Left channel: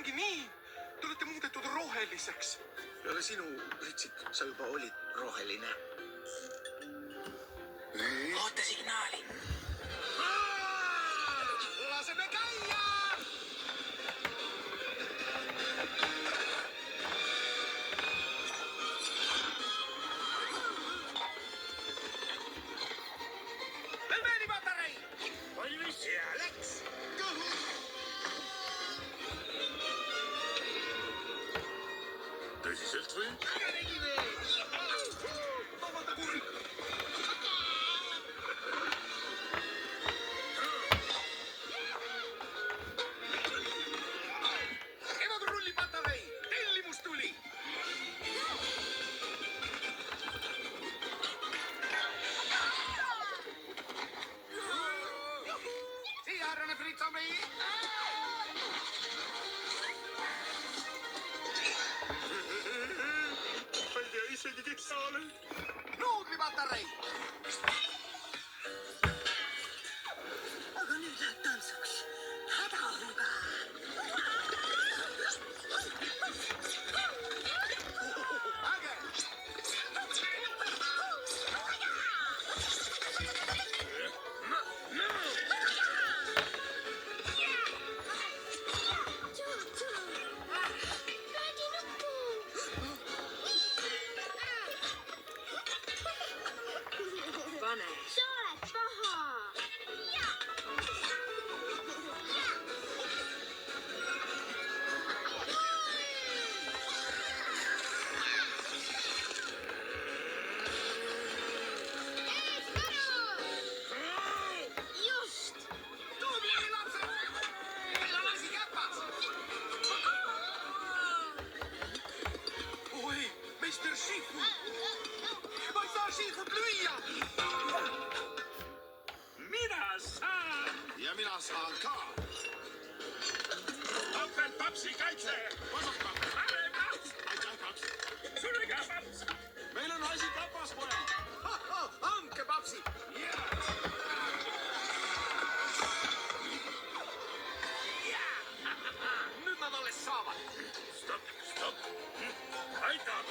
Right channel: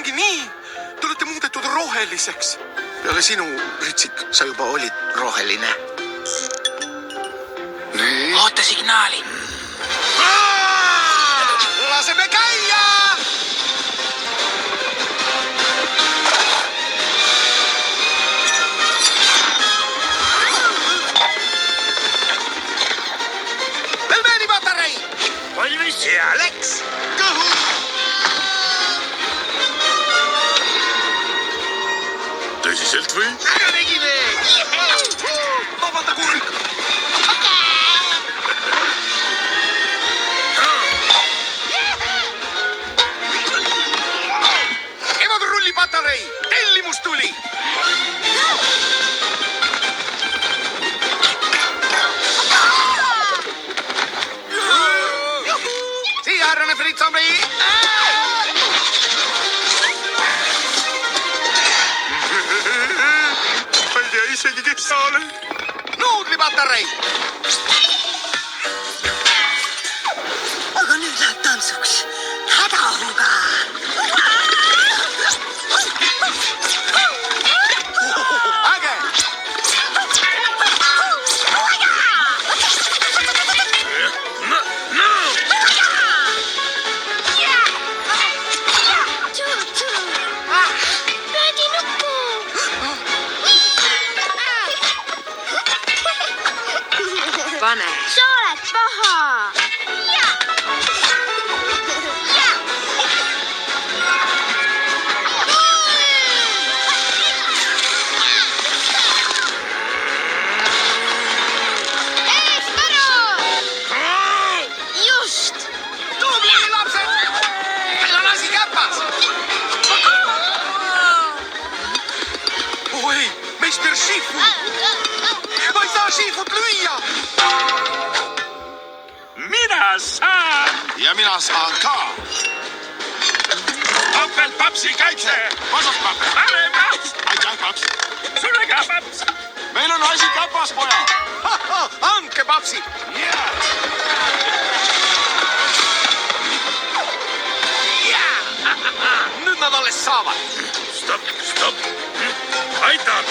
ongi nii. Te olete muudetud roheliseks. Peale sinu, Ritsik, sa juba olid roheline. Nii. Oota signaali. Laseme käia! Velveeni patarei! Valmis ja läks. Kõhu! Tõsiselt või? Ära tegime! Vabanda kurg! Emadurulli patarei! Tellimus tuli! Siia, härrane Fritz-Zombi! Ma ei tea isegi, kes sa oled. Nuudlipatarei! Aga nüüd läheb tantsuks. Hädahuga. Äge! Pane. Sa oled paha. Just. Tubli, lapsed! Meil on asi käpas! Oh ei, meister Shifu! Ma ei saa Shifut lüüa! Mina saan. Ja mina saan ka! Topelt papsi kaitse. Vasakpapp! Parem paps. Aitäh, paps! Sulle ka paps. Meil on asi käpas, poja! Andke, papsi! Nüüd nad alles saavad! Stopp. Aitab.